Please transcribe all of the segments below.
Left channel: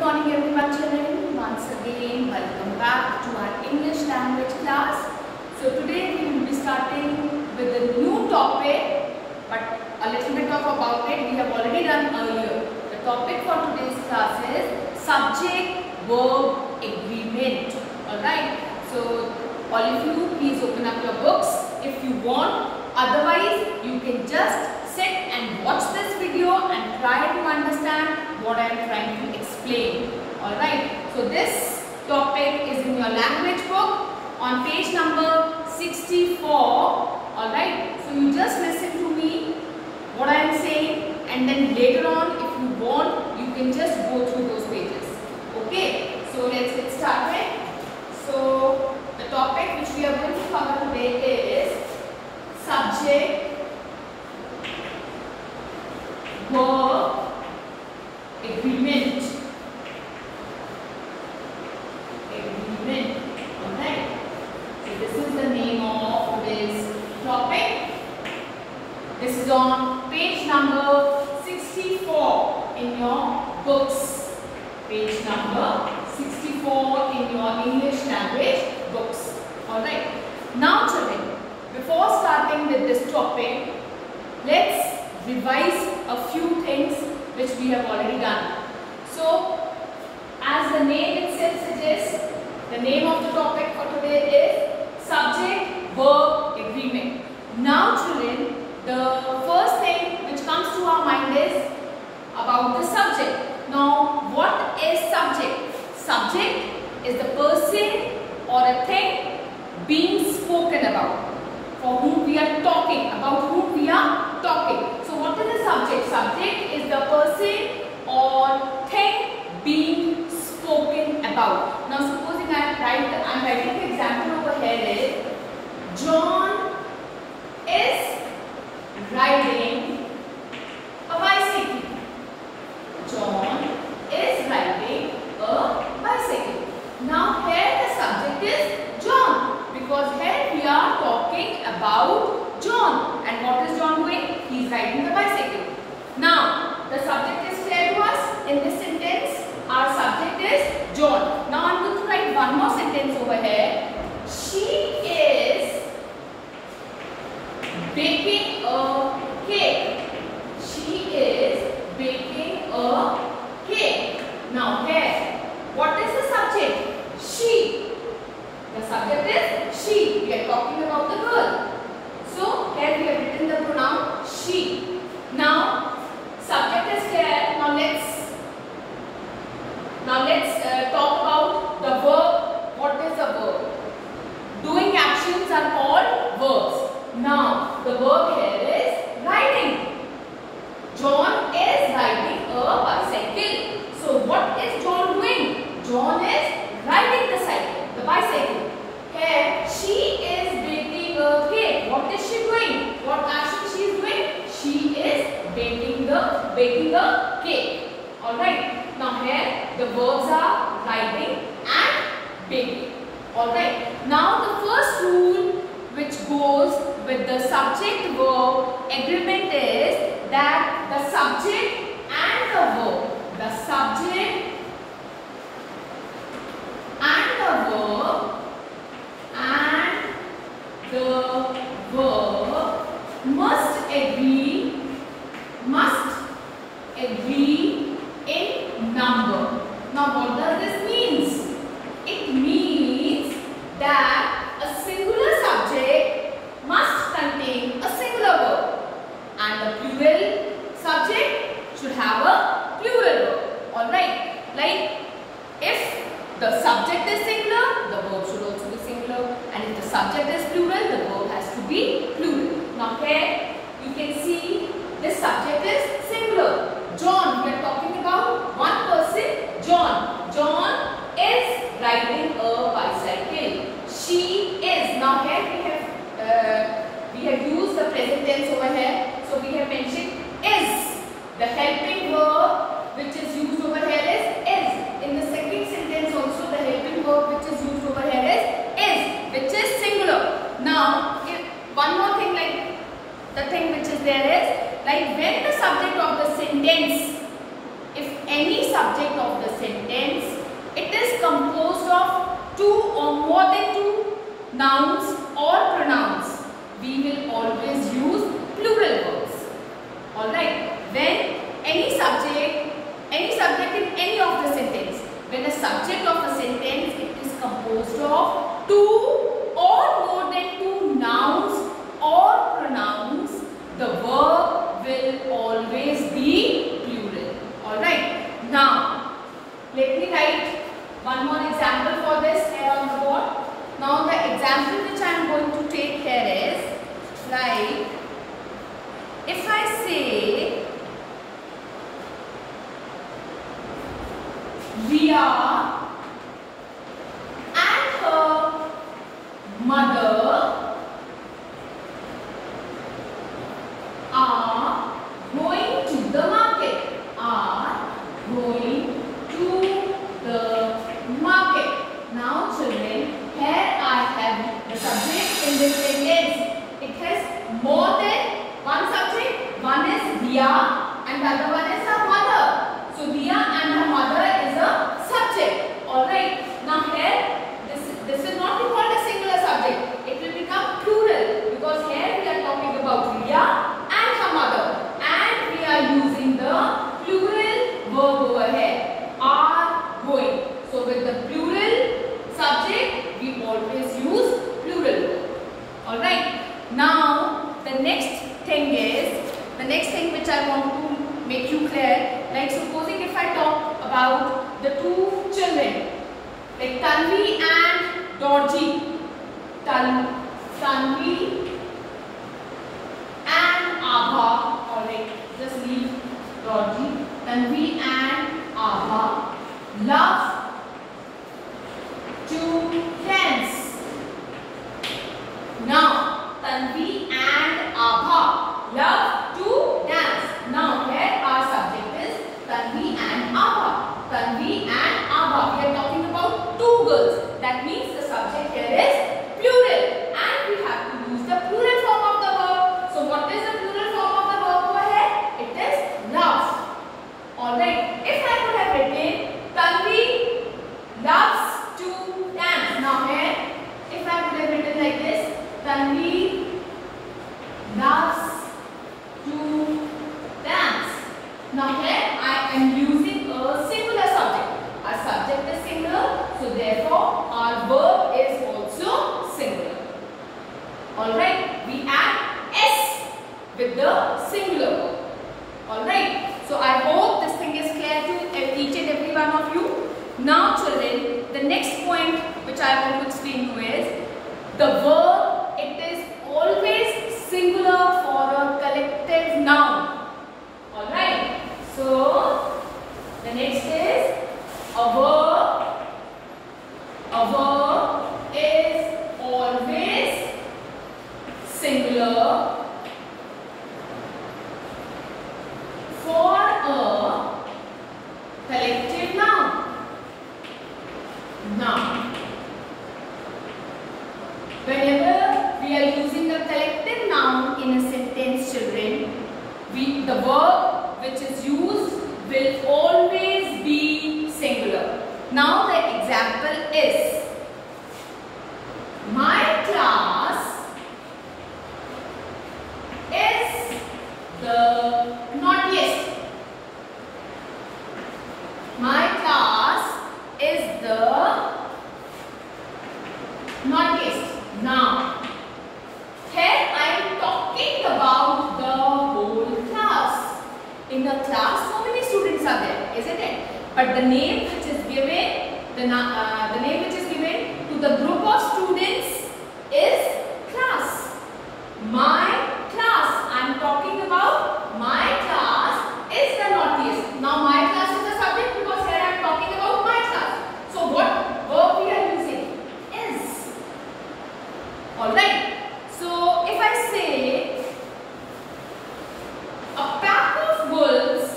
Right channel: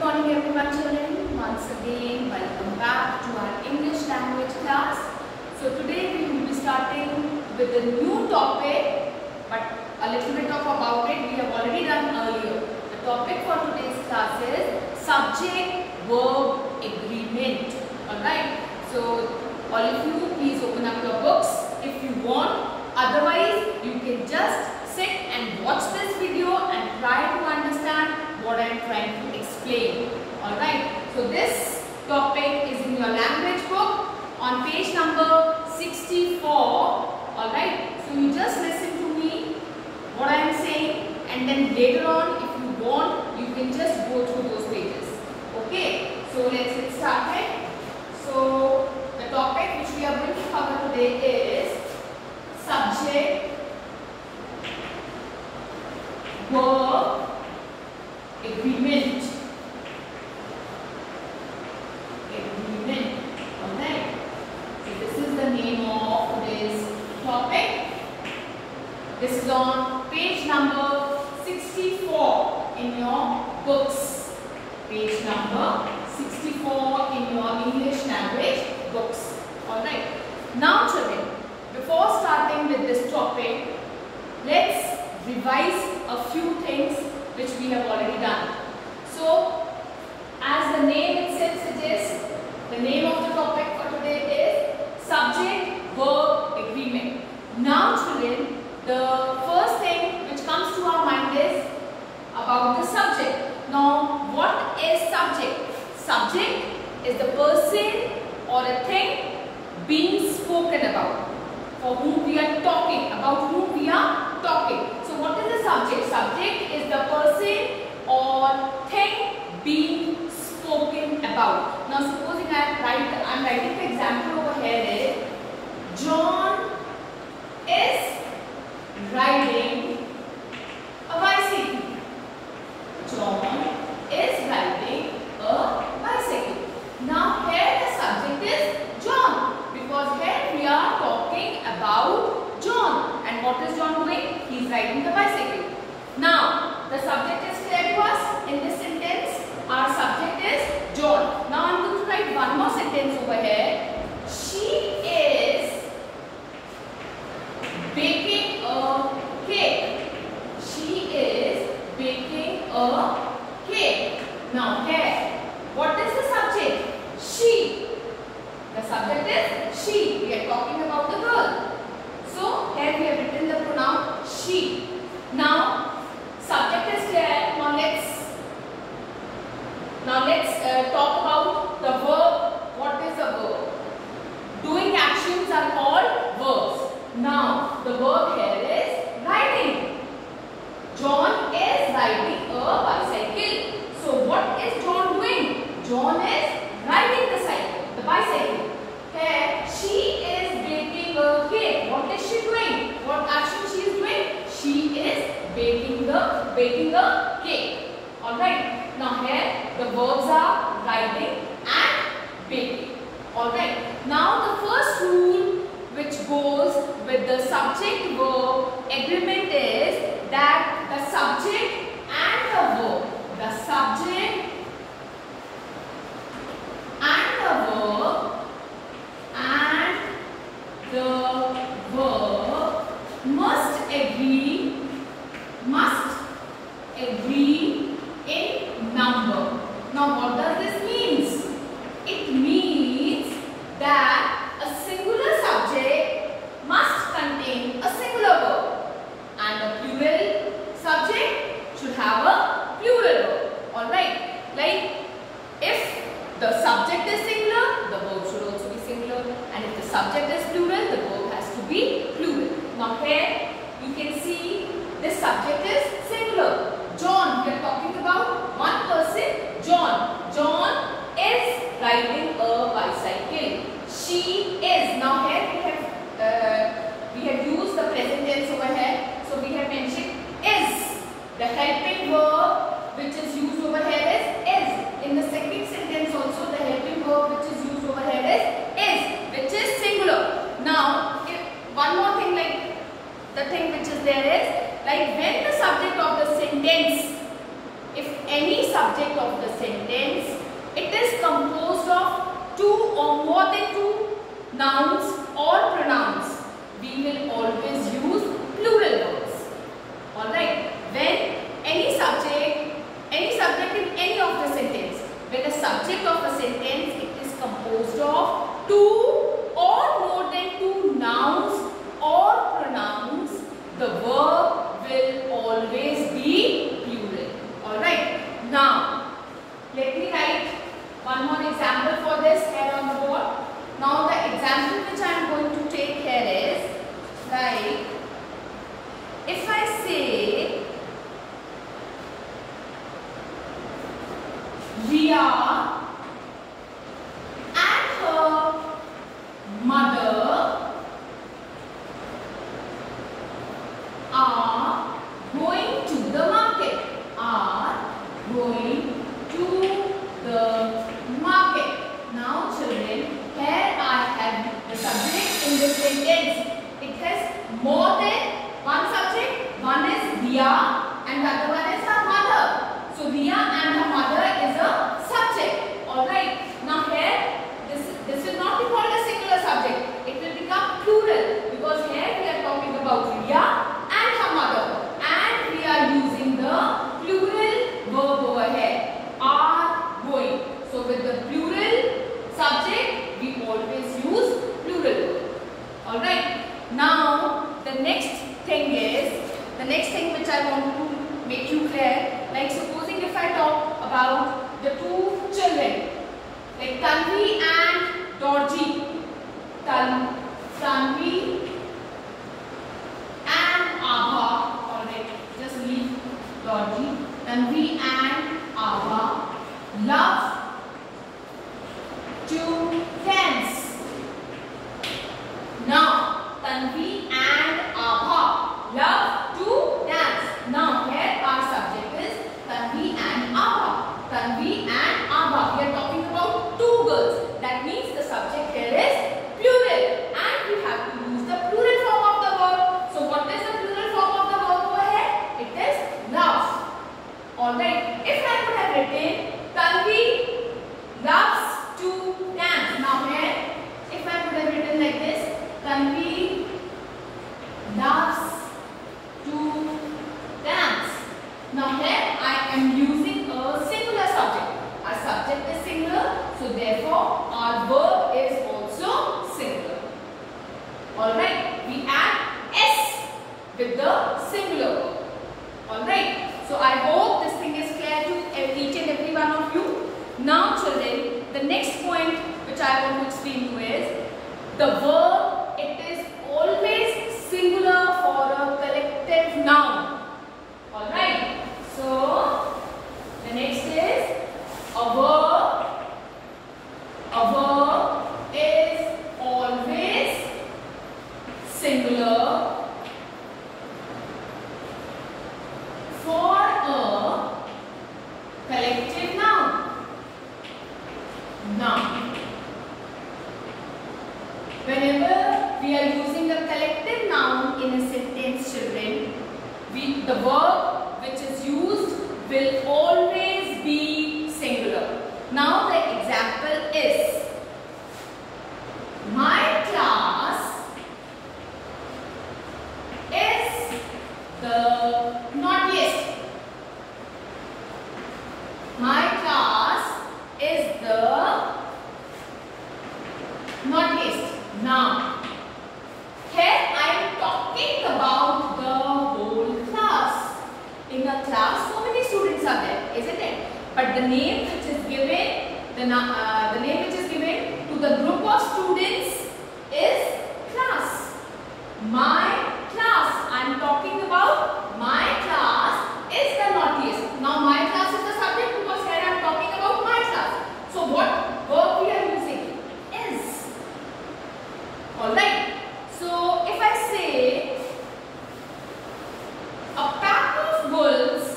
Good morning everyone children. Once again welcome back to our English language class. So today we will be starting with a new topic, but a little bit of about it we have already done earlier. The topic for today's class is subject verb agreement. Alright. So all of you please open up your books if you want. Otherwise you can just sit and watch this video and try to understand what I am trying to explain. Alright, so this topic is in your language book on page number 64. Alright, so you just listen to me, what I am saying, and then later on if you want, you can just go through those pages. Okay, so let's get started. So the topic which we are going to cover today is subject verb agreement. Alright. So this is the name of today's topic. This is on page number 64 in your books. Page number 64 in your English language books. Alright. Now children, before starting with this topic, let's revise a few things which we have already done. So, as the name itself suggests, the name of the topic for today is subject verb agreement. Now children, the first thing which comes to our mind is about the subject. Now, what is subject? Subject is the person or a thing being spoken about, for whom we are talking, about whom we are talking. So what is the subject? Subject is the person or thing being spoken about. Now supposing I am writing the example over here is John is riding a bicycle. John is riding a bicycle. Now here the subject is John, because here we are talking about John. And what is John doing? He is riding the bicycle. Now the subject is clear to us. In this sentence our subject is John. Now I am going to write one more sentence over here. She is baking a cake. She is baking a cake. Now here, what is the subject? She. The subject is she. We are talking about the girl. So here we have written the pronoun she. Now subject is clear. Now let's talk about the verb. What is the verb? Doing actions are called verbs. Now the verb here is riding. John is riding a bicycle. So what is John doing? John is riding the bicycle. Here she is baking a cake. What is she doing? What action she is doing? She is baking a cake. Alright. Now here the verbs are riding and baking. Alright. Now the first rule which goes with the subject verb agreement is that the subject and the verb, must agree in number. Now what does this mean? It means that a singular subject must contain a singular verb and a plural subject should have a plural verb. Alright, like if the subject is singular, the verb should also be singular, and if the subject is plural, the verb has to be plural. Now here you can see this subject is singular. John, we are talking about one person, John. John is riding a bicycle. She is. Now here we have used the present tense over here. So we have mentioned is. The helping verb which is used over here is. In the second sentence also the helping verb which is used over here is, which is singular. Now one more thing, like the thing which is there is, like when the subject of the sentence, if any subject of the sentence, it is composed of two or more than two nouns or pronouns, we will always use plural verbs. Alright, when any subject in any of the sentence, when the subject of a sentence, it is composed of two or more than two nouns or pronouns, the verb will always be plural. Alright, now let me write one more example for this here on the board. Now the example which I am going to take here is like, if I say Riya and her mother are going to the market. Are going to the market. Now children, here I have the subject in this sentence. It has more than one subject. One is Riya and the other one is her mother. So Riya and her mother is a subject. Alright. Now here this will not be called a singular subject. It will become plural because here we are talking about Riya and her mother. And we are using the plural verb over here. Are going. So with the plural subject, we always use plural verb. Alright. Now the next thing which I want to make you clear, like supposing if I talk about the two children, like Tanvi and Dorji. Tanvi and Abha. Alright, just leave Dorji. Tanvi and Abha love to dance. Now, Tanvi and Abha love to dance. Now, here our subject is Tanvi and Abha. Tanvi and Abha. We are talking about two girls. That means the subject here is plural. And we have to use the plural form of the verb. So, what is the plural form of the verb over here? It is love. Alright. If I could have written Tanvi loves to dance. Now, here, if I could have written like this, Tanvi loves to dance. Now here I am using a singular subject. Our subject is singular, so therefore our verb is also singular. Alright, we add S with the singular verb. Alright, so I hope this thing is clear to each and every one of you. Now children, the next point which I want to explain to you is the verb, it is always singular for a collective noun. Alright. So, the next is a verb. A verb is always singular for a collective noun. Now, whenever we are using a collective noun in a sentence, children, the verb which is used will always be singular. Now the example is, my class is the naughtiest. My class is the naughtiest. Now, here I am talking about the whole class. In a class, so many students are there, isn't it? But the name which is given, the name which is given to the group of students is class. My class. I am talking about my class is the naughtiest. Now, my class is the subject because here I am talking about my class. So, what verb we are using? Is. Alright. So, if I say a pack of wolves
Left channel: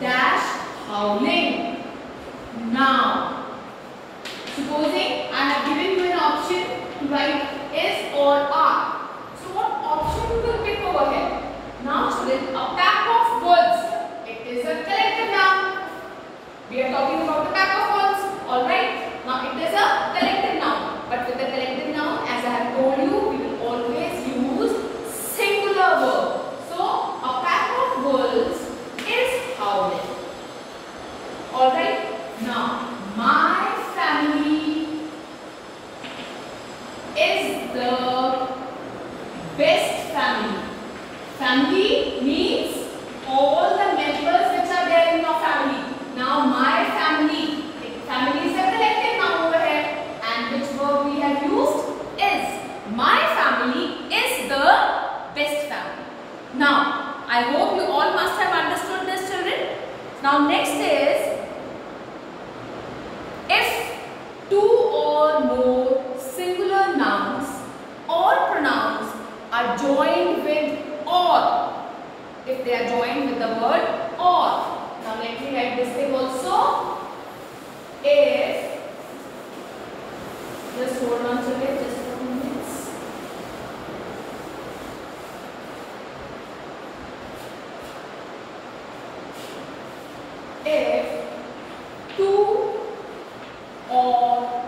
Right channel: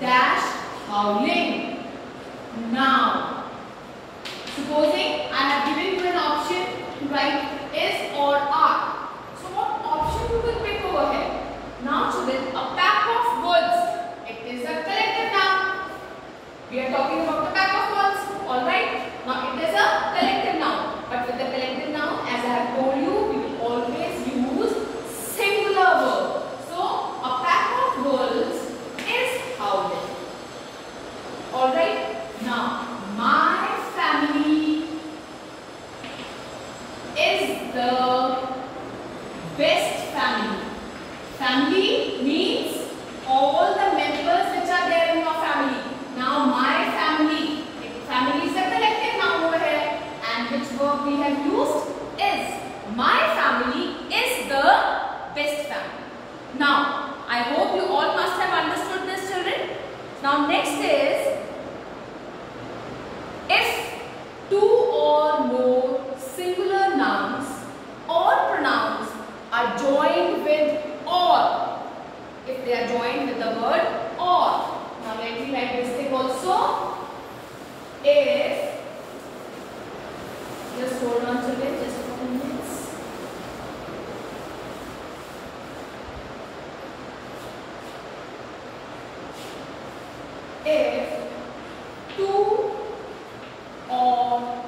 dash howling. Now, supposing the best family. Family means all the members which are there in your family. Now my family. Family is a collective noun over here. And which verb we have used is. My family is the best family. Now, I hope you all must have understood this, children. Now next is, if two or more singular nouns or pronouns are joined with or. If they are joined with the word or. Now let me write this thing also. If, just hold on to it just for minutes. If two or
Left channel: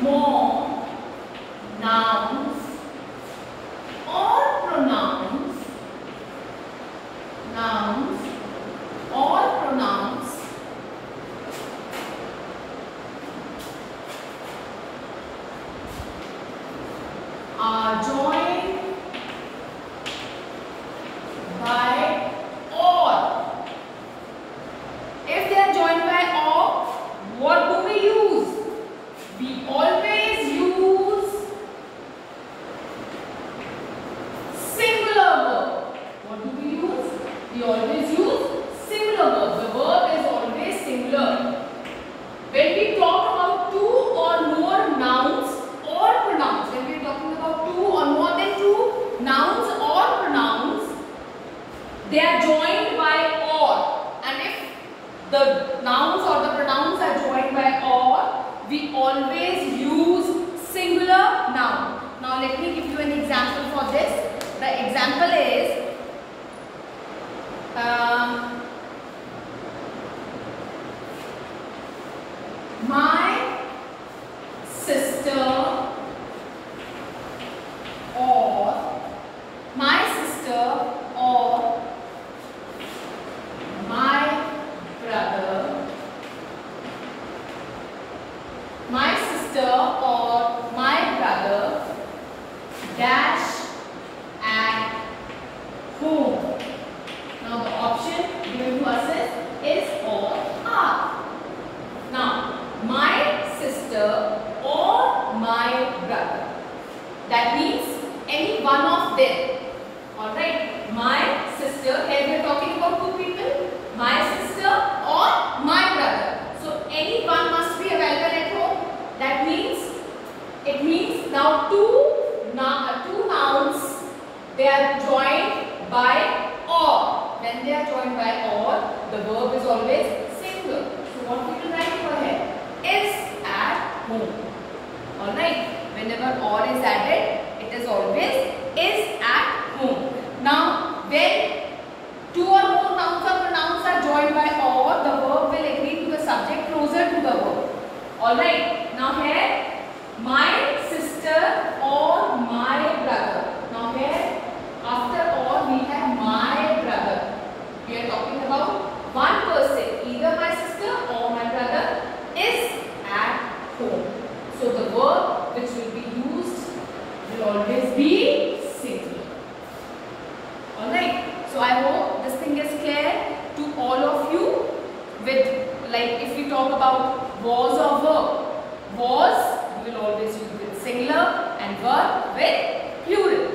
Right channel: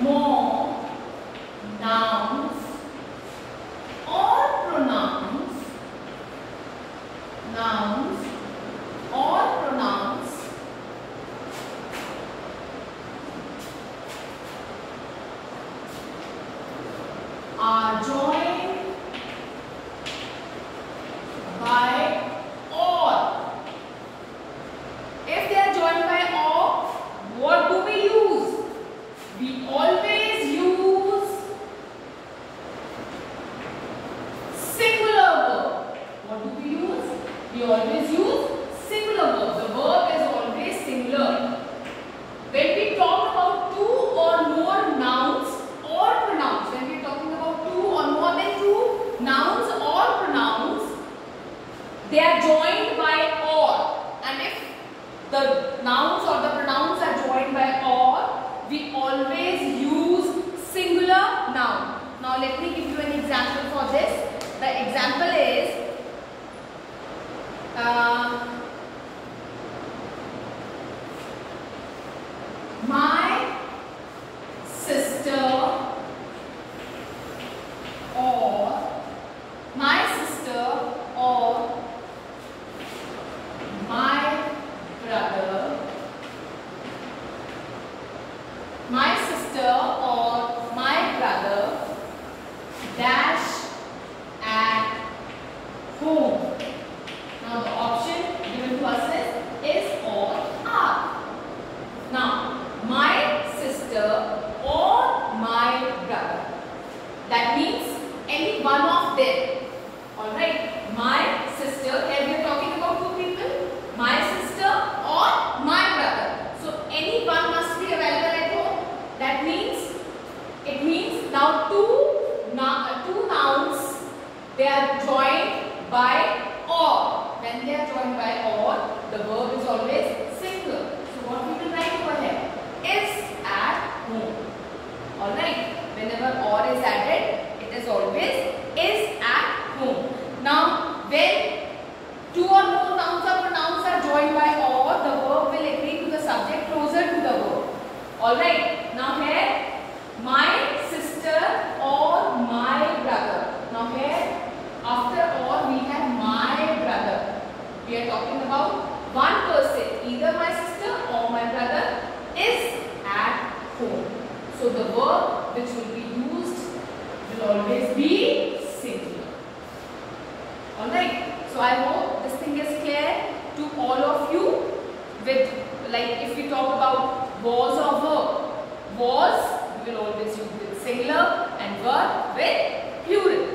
more nouns or pronouns are joined by or. If they are joined by or, what do we use? We always use singular verb. What do we use? We always use singular verb. The verb is always singular. When we talk about two or more nouns or pronouns, when we are talking about two or more than two nouns or pronouns, they are joined by or. And if the nouns or the pronouns are joined by or, we always use singular noun. Now let me give you an example for this. The example is my sister or my brother, my sister or my brother dash at home. Now the option given to us is or are. Now my sister or my brother. That means any one of them. Alright. My sister, here we are talking about two people. My sister or my brother. So any one must be available at home. That means, it means now two nouns, they are joined by or. When they are joined by or, the verb is always singular. So what we will write over here? Is at home. Alright. Whenever or is added, it is always is at home. Now, when two or more nouns or pronouns are joined by or, the verb will agree to the subject closer to the verb. Alright. Now here, my sister or my brother. Now here, after or, we have my brother. We are talking about one person. Either my sister or my brother is at home. So the verb which will be used will always be singular. Alright. So I hope this thing is clear to all of you. With, like, if we talk about was or verb, was we will always use with singular and verb with plural.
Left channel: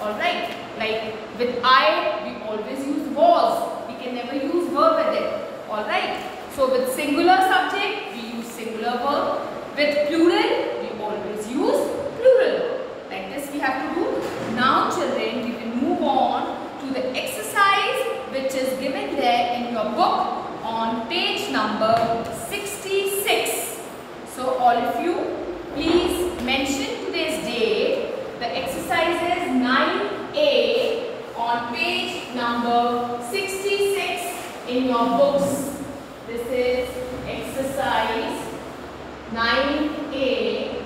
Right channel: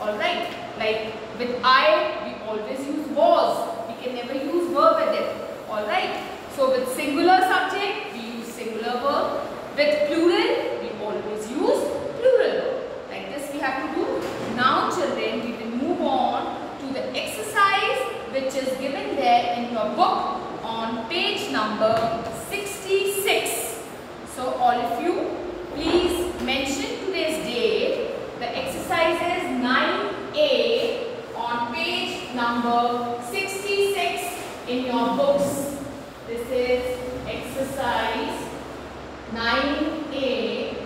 Alright. Like with I, we always use was. We can never use verb with it. Alright. So with singular subject, we use singular verb. With plural, we always use plural verb. Like this we have to do. Now children, we will move on to the exercise which is given there in your book on page number 66. So all of you, please mention today's date. The exercise is 9A on page number 66 in your books. This is exercise 9A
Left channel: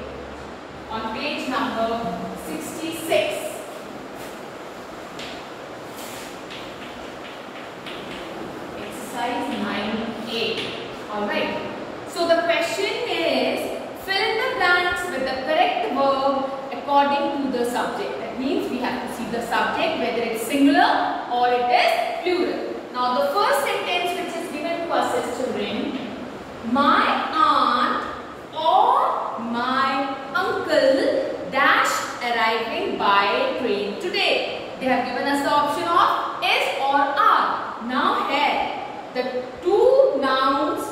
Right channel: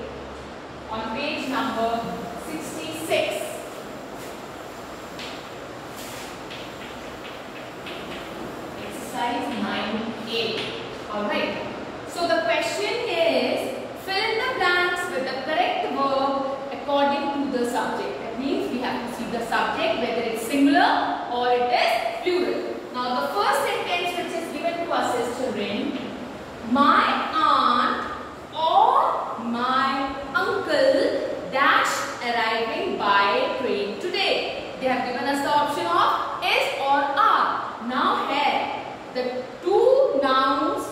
on page number 66. Exercise 9A. Alright. So the question is, fill in the blanks with the correct verb according according to the subject. That means we have to see the subject, whether it's singular or it is plural. Now the first sentence which is given to us is, children, my aunt or my uncle dash arriving by train today. They have given us the option of is or are. Now here the two nouns,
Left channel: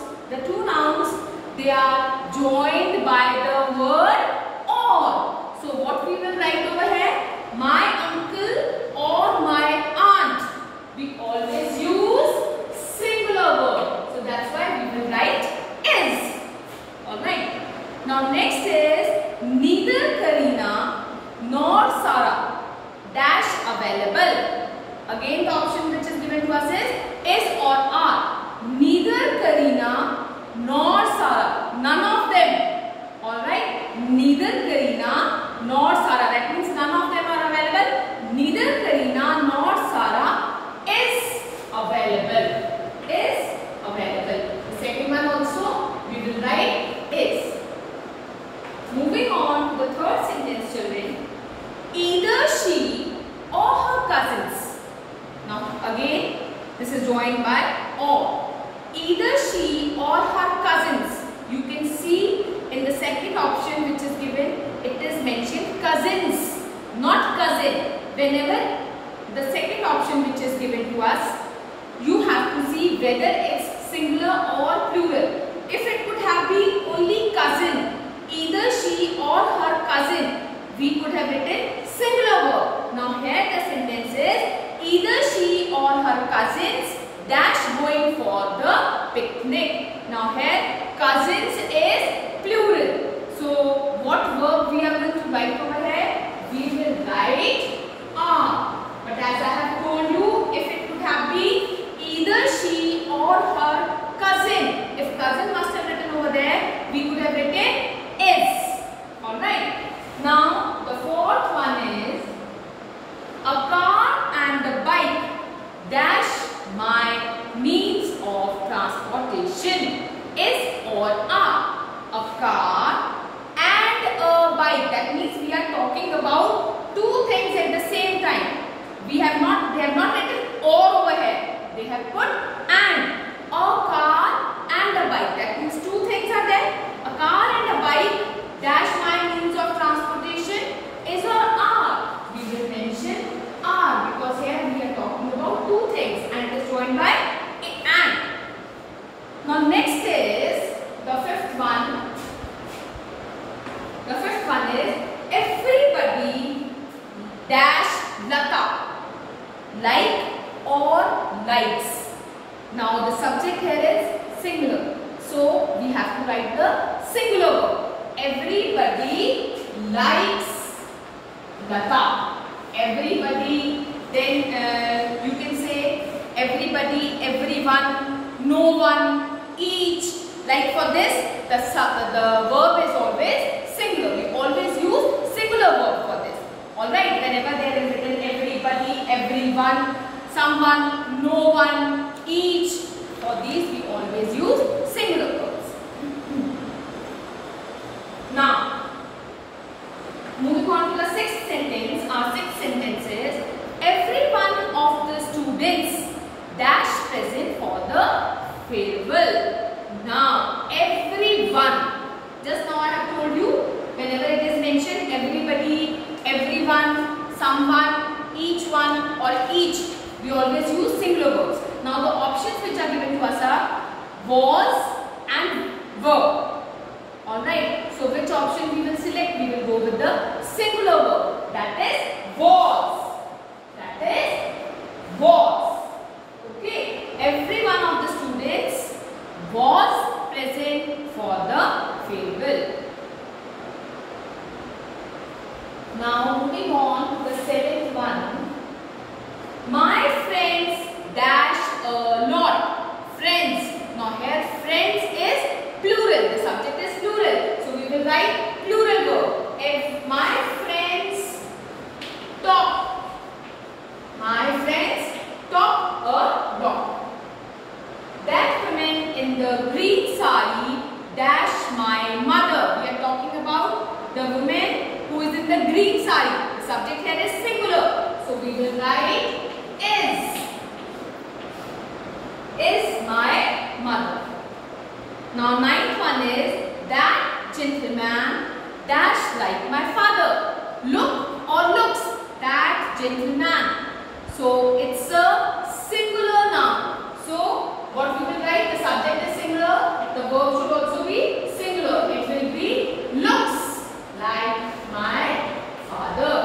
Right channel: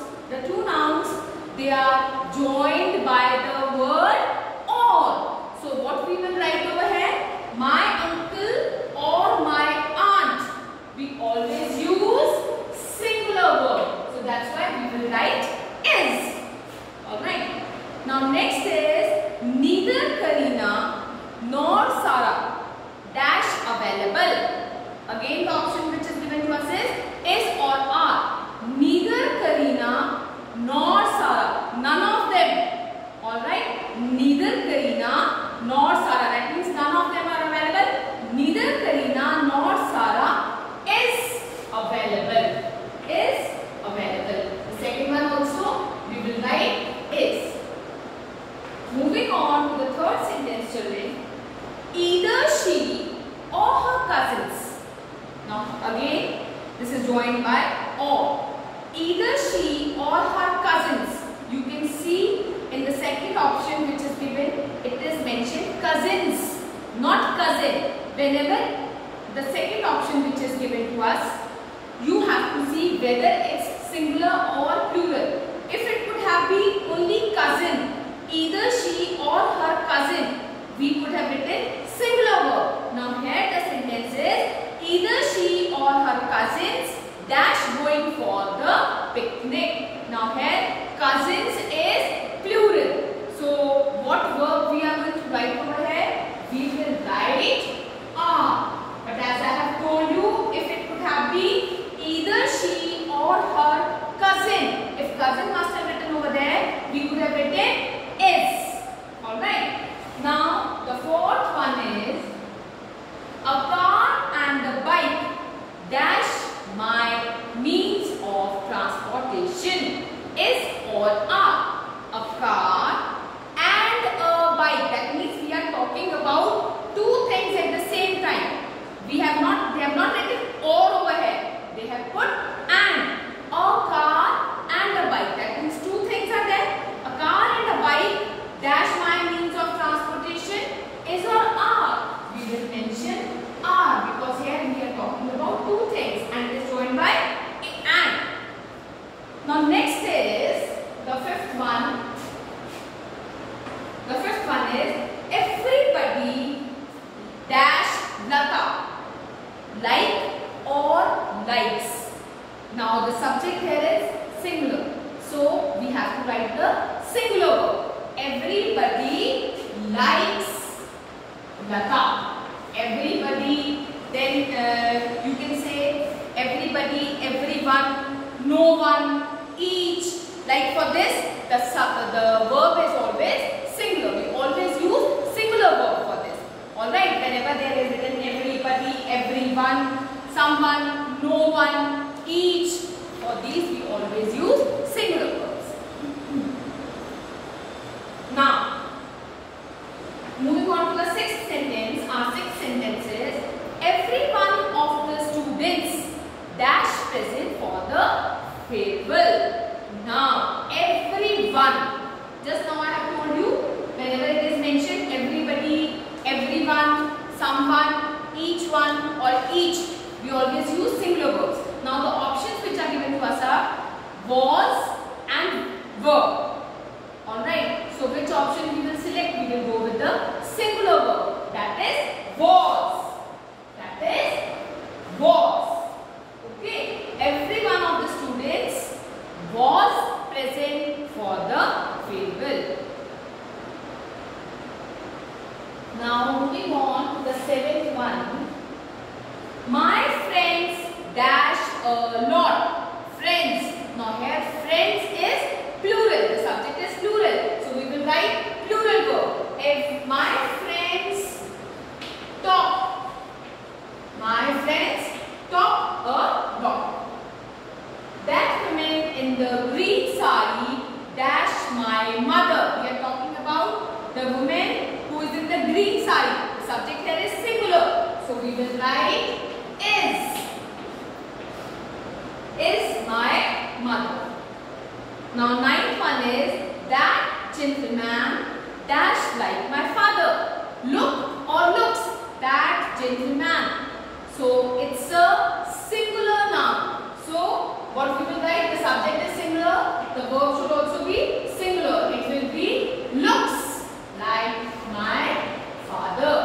they are joined by the word or. So what we will write over here? My uncle or my aunt. We always use singular word. So that's why we will write is. Alright. Now next is, neither Karina nor Sarah dash available. Again the option which is given to us is or are. Neither Karina nor Sarah, none of them. Alright, neither Karina nor Sarah, that means none of them are available. Neither Karina nor Sarah is available. Is available. The second one also we will write is. Moving on to the third sentence, children. Either she or her cousins. Now again this is joined by or. Either she or her cousins. You can see in the second option which is given, it is mentioned cousins, not cousin. Whenever the second option which is given to us, you have to see whether it's singular or plural. If it could have been only cousin, either she or her cousin, we could have written singular verb. Now here the sentence is, either she or her cousins dash going for the picnic. Now here cousins is plural. So what verb we are going to write over here? We will write are. But as I have told you, if it could have been either she or her cousin, if cousin must have written over there, we could have written is. Alright. Now the fourth one is, a car and a bike dash my means of transportation. Is or are. A car and a bike. That means we are talking about two things at the same time. They have not written or over here. They have put and. A car and a bike. That means two things are there. A car and a bike dash my means of transportation. Is or are. We will mention are because here we are talking about two things and it is joined by and. Now next is the fifth one. The fifth one is, everybody dash Lata, like or likes. Now the subject here is singular, so we have to write the singular verb. Everybody likes Lata. Everybody, then you can say everybody, everyone, no one, each. Like for this, the verb is always singular. We always use singular verb for this. Alright, whenever there is written everybody, everyone, someone, no one, each, for these we always use singular verbs. Now, moving on to the sixth sentence, our sixth sentence is, every one of the students dash present for the farewell. Now, everyone, just now I have told you, whenever it is mentioned everybody, everyone, someone, each one or each, we always use singular verbs. Now the options which are given to us are was and were. Alright, so which option we will select? We will go with the singular verb, that is was. That is was. Okay, every one of the students was present for the farewell. Now moving on to the seventh one. My friends dash a lot. Friends. Now here friends is plural. The subject is plural. So we will write plural verb. If my friends talk. My friends talk a lot. That woman in the green sari dash my mother. We are talking about the woman who is in the green sari. The subject here is singular. So we will write is. Is my mother. Now ninth one is that gentleman dash like my father. Look or looks that gentleman. So it's a singular noun. So what we will write? The subject is singular. The verb should also be singular. It will be looks like my father.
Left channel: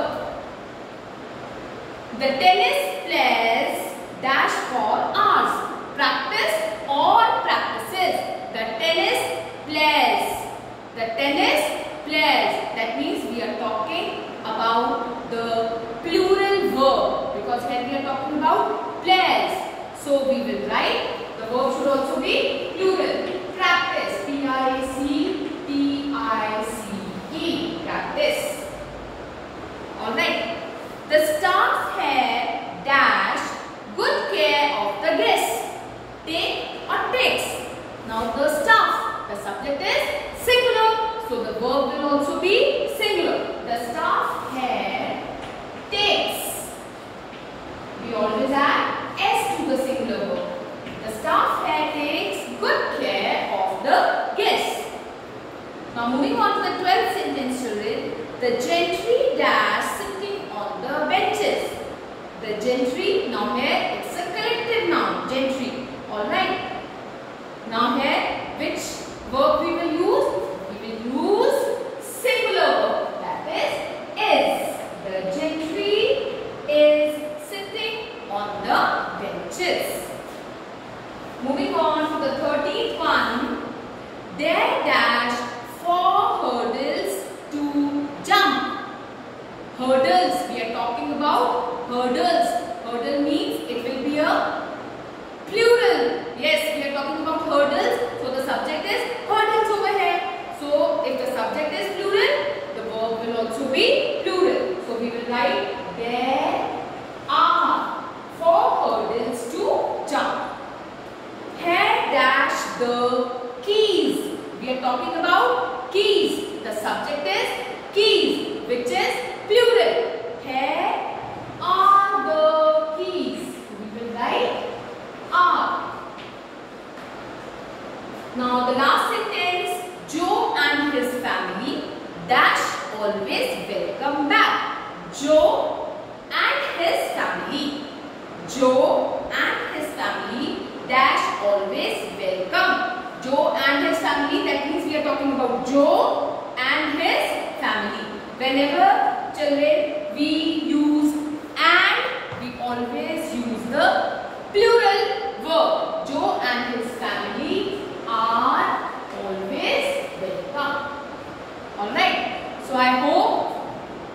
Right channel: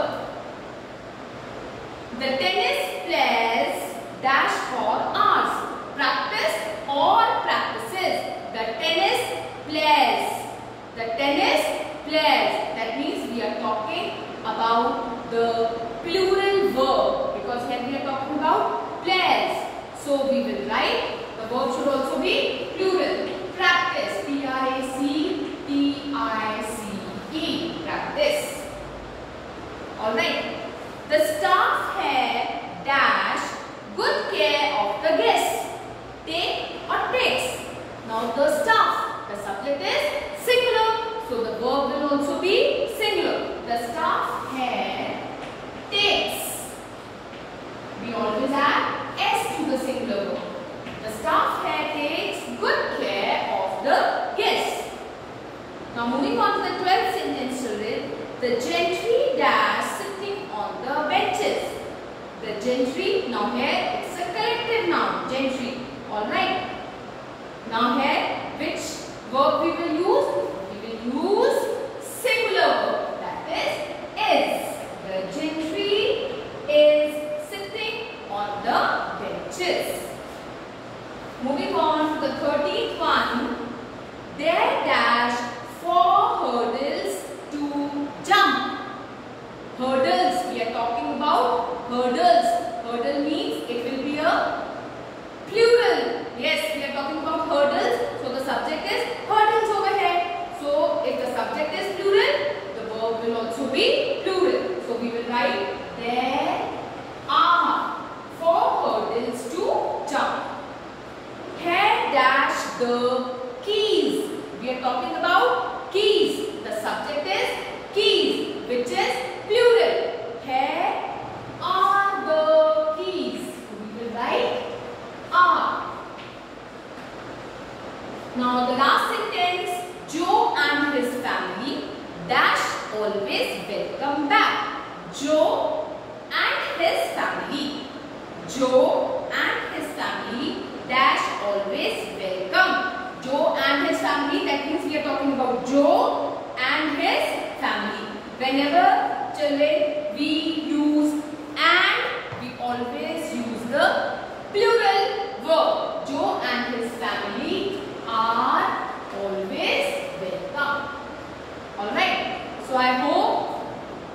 The tennis players dash for hours. Practice or practices. The tennis players. The tennis players. That means we are talking about the plural verb, because here we are talking about players. So we will write, the verb should also be plural. Practice. P-R-A-C-T-I-C-E. Practice. Alright. The staff here dash good care of the guests. Take or takes. Now the staff, the subject is singular, so the verb will also be singular. The staff here takes. We always add S to the singular verb. The staff here takes good care of the guests. Now moving on to the 12th sentence, children. The gentry dash sitting on the benches. The gentry, now here it's a collective noun, gentry. Alright. Now here, which verb we will use? We will use singular verb, that is. The gentry is sitting on the benches. Moving on to the 13th one. There dash 4 hurdles to jump. Hurdles, we are talking about hurdles. Hurdle means it will be a plural. Yes, we are talking about hurdles. So the subject is hurdles over here. So if the subject is plural, the verb will also be plural. So we will write there are 4 hurdles to jump. Here dash the keys. We are talking about keys. The subject is keys, which is plural. Here are the keys. We will write are. Now the last sentence, Joe and his family dash always welcome back. Joe and his family. Joe and his family dash always welcome. Joe and his family, that means we are talking about Joe and his family. Whenever children we use and, we always use the plural verb. Joe and his family are always welcome. Alright. So I hope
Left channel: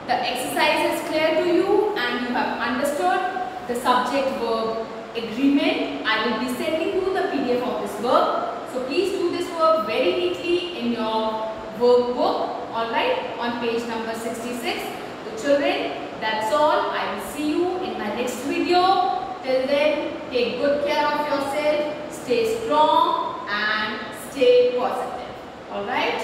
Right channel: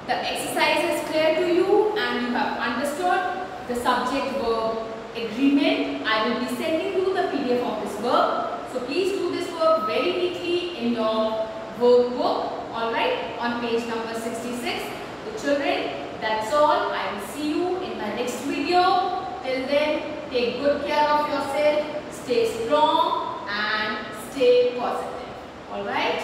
the exercise is clear to you and you have understood the subject verb agreement. I will be sending you the PDF of this verb. So please do this work very neatly in your workbook. Alright. On page number 66. So children, that's all. I will see you in my next video. Till then, take good care of yourself, stay strong and stay positive. Alright?